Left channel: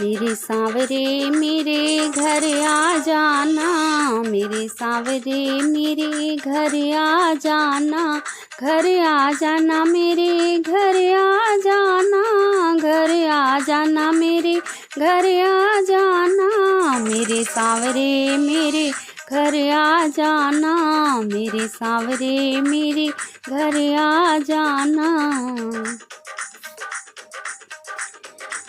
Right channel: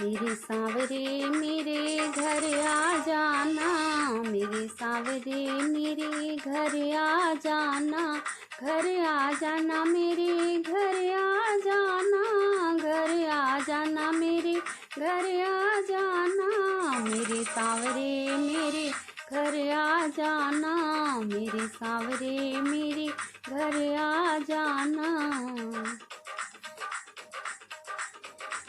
मेरे सांवरे मेरे घर आ जाना, मेरे सांवरे मेरे घर आ जाना, घर आ जाना मेरे घर आ जाना, घर आ जाना मेरे घर आ जाना, मेरे सांवरे मेरे घर आ जाना, मेरे सांवरे मेरे घर आ जाना।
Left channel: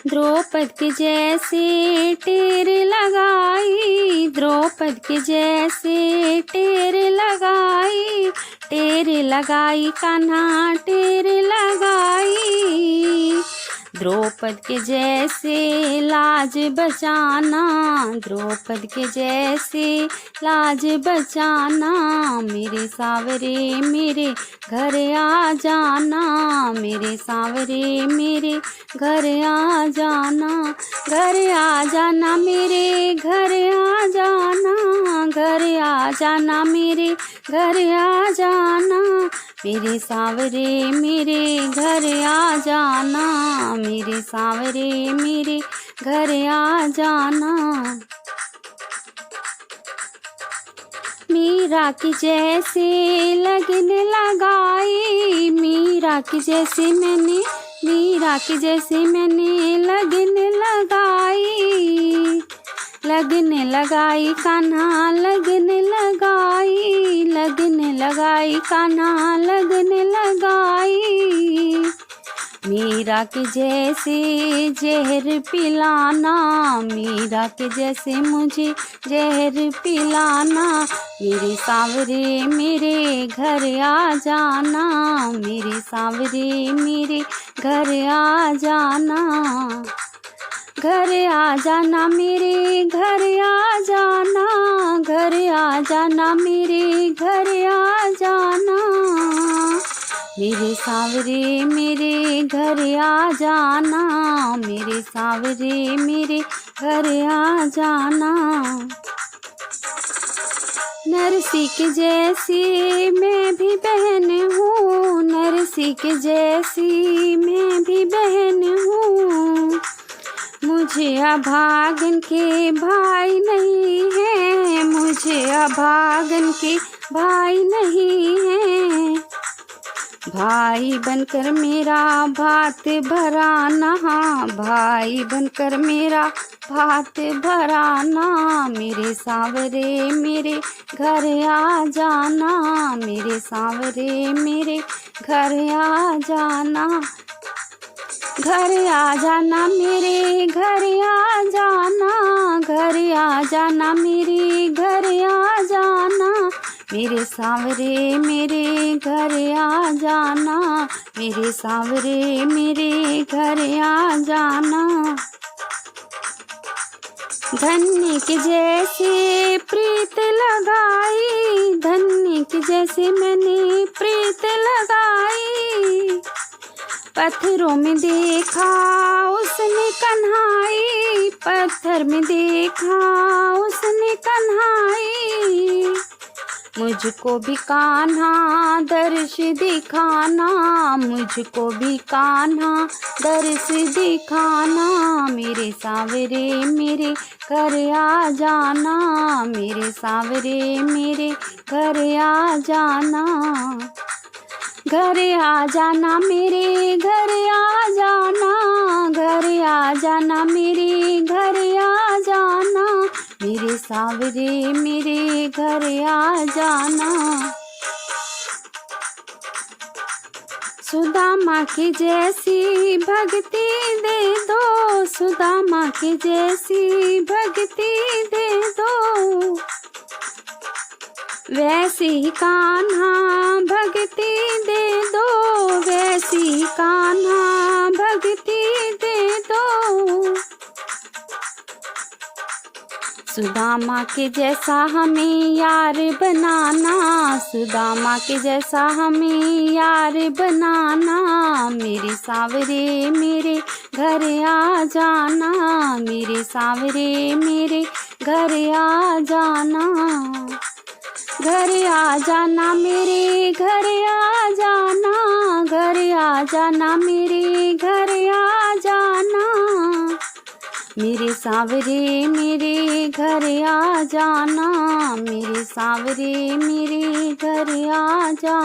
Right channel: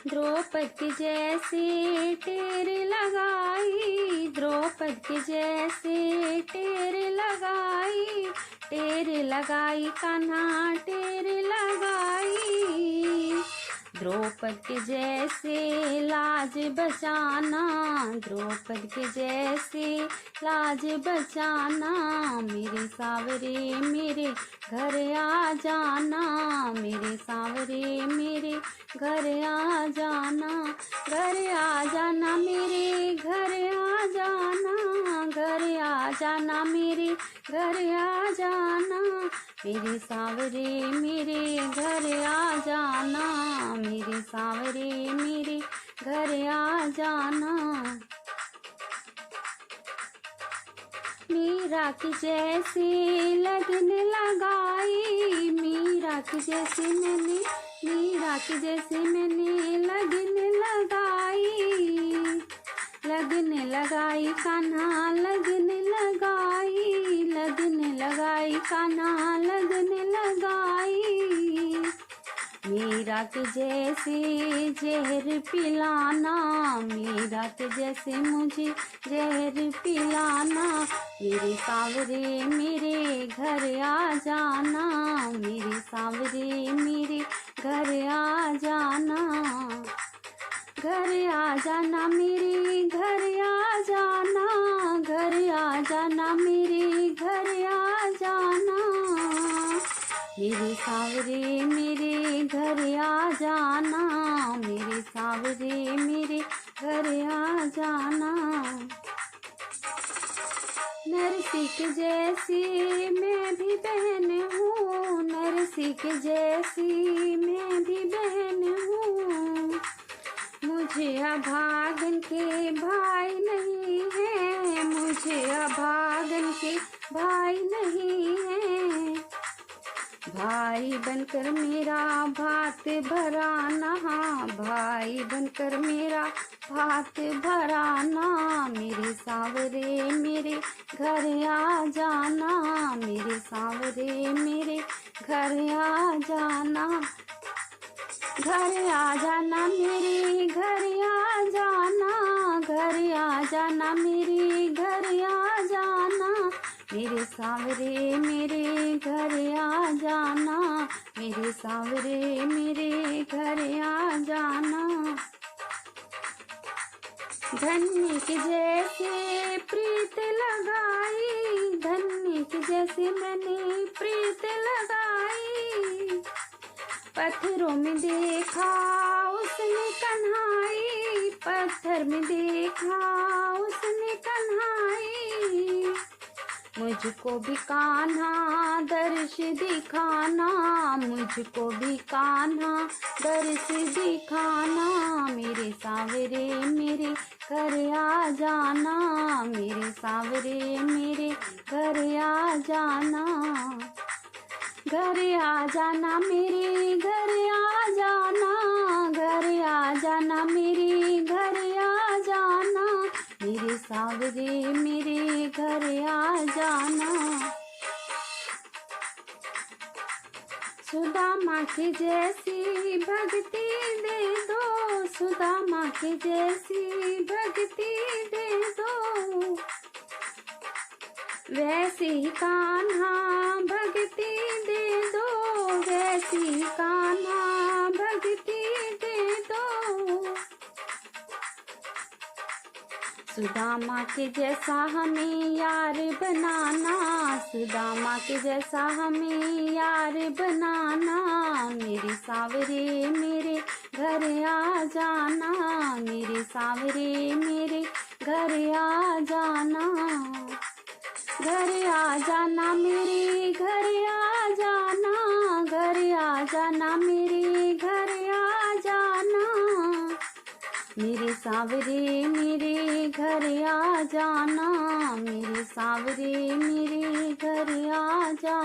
द्रौपद के जैसे टेर लगाई, द्रौपद के जैसे टेर लगाई, टेर लगाई कान्हा टेर लगाई, द्रौपद के जैसे लाज बचाना, द्रौपद के जैसे लाज बचाना, मेरे सांवरे मेरे घर आ जाना, मेरे सांवरे मेरे घर आ जाना, घर आ जाना मेरे घर आ जाना, घर आ जाना मेरे घर आ जाना, मेरे सांवरे मेरे घर आ जाना, मेरे सांवरे मेरे घर आ जाना। मीरा की जैसे लगन लगाई, मीरा की जैसे मैंने, मीरा की जैसे मैंने लगन लगाई, लगन लगाई कान्हा लगन लगाई, लगन लगाई कान्हा लगन लगाई, मीरा के जैसे जहर पिलाना, मीरा के जैसे मुझे जहर पिलाना, मेरे सांवरे मेरे घर आ जाना, मेरे सांवरे मेरे घर आ जाना, घर आ जाना मेरे घर आ जाना, घर आ जाना मेरे घर आ जाना, मेरे सांवरे मेरे घर आ जाना, मेरे सांवरे मेरे घर आ जाना। नरसी के जैसी मैं भी बहन हूँ, नरसी के जैसी मैं भी बहन हूँ, मुझे अभागन के भाई नहीं है, मुझे अभागन के भाई नहीं है, भाई बनकर मेरा भात भराना, भाई बनकर मेरा भात भराना, मेरे सांवरे मेरे घर आ जाना, मेरे सांवरे मेरे घर आ जाना, घर आ जाना मेरे घर आ जाना, घर आ जाना मेरे घर आ जाना, मेरे सांवरे मेरे घर आ जाना, मेरे सांवरे मेरे घर आ जाना। धन्य के जैसे प्रीत लगाई, धन्य के जैसे मैंने प्रीत लगाई, पत्थरों में देखा उसने कन्हाई, पत्थर में देखा उसने कन्हाई, मुझको भी कान्हा दर्श दिखाना, मुझको भी कान्हा दर्श दिखाना, मेरे सांवरे मेरे घर आ जाना, मेरे सांवरे मेरे घर आ जाना, घर आ जाना मेरे घर आ जाना, घर आ जाना मेरे घर आ जाना, मेरे सांवरे मेरे घर आ जाना। सुदामा की जैसी भक्ति दे दो, सुदामा की जैसी भक्ति दे दो, वैसी ही कान्हा भक्ति दे दो, वैसी ही कान्हा भक्ति दे दो, सुदामा के जैसा हमें यार बनाना, सुदामा के जैसा हमें यार बनाना, मेरे सांवरे मेरे घर आ जाना, मेरे सांवरे मेरे घर आ जाना, घर आ जाना मेरे घर आ जाना, घर आ जाना मेरे घर आ जाना, मेरे सावरे मेरे घर आ जाना, मेरे सावरे मेरे घर आ जाना।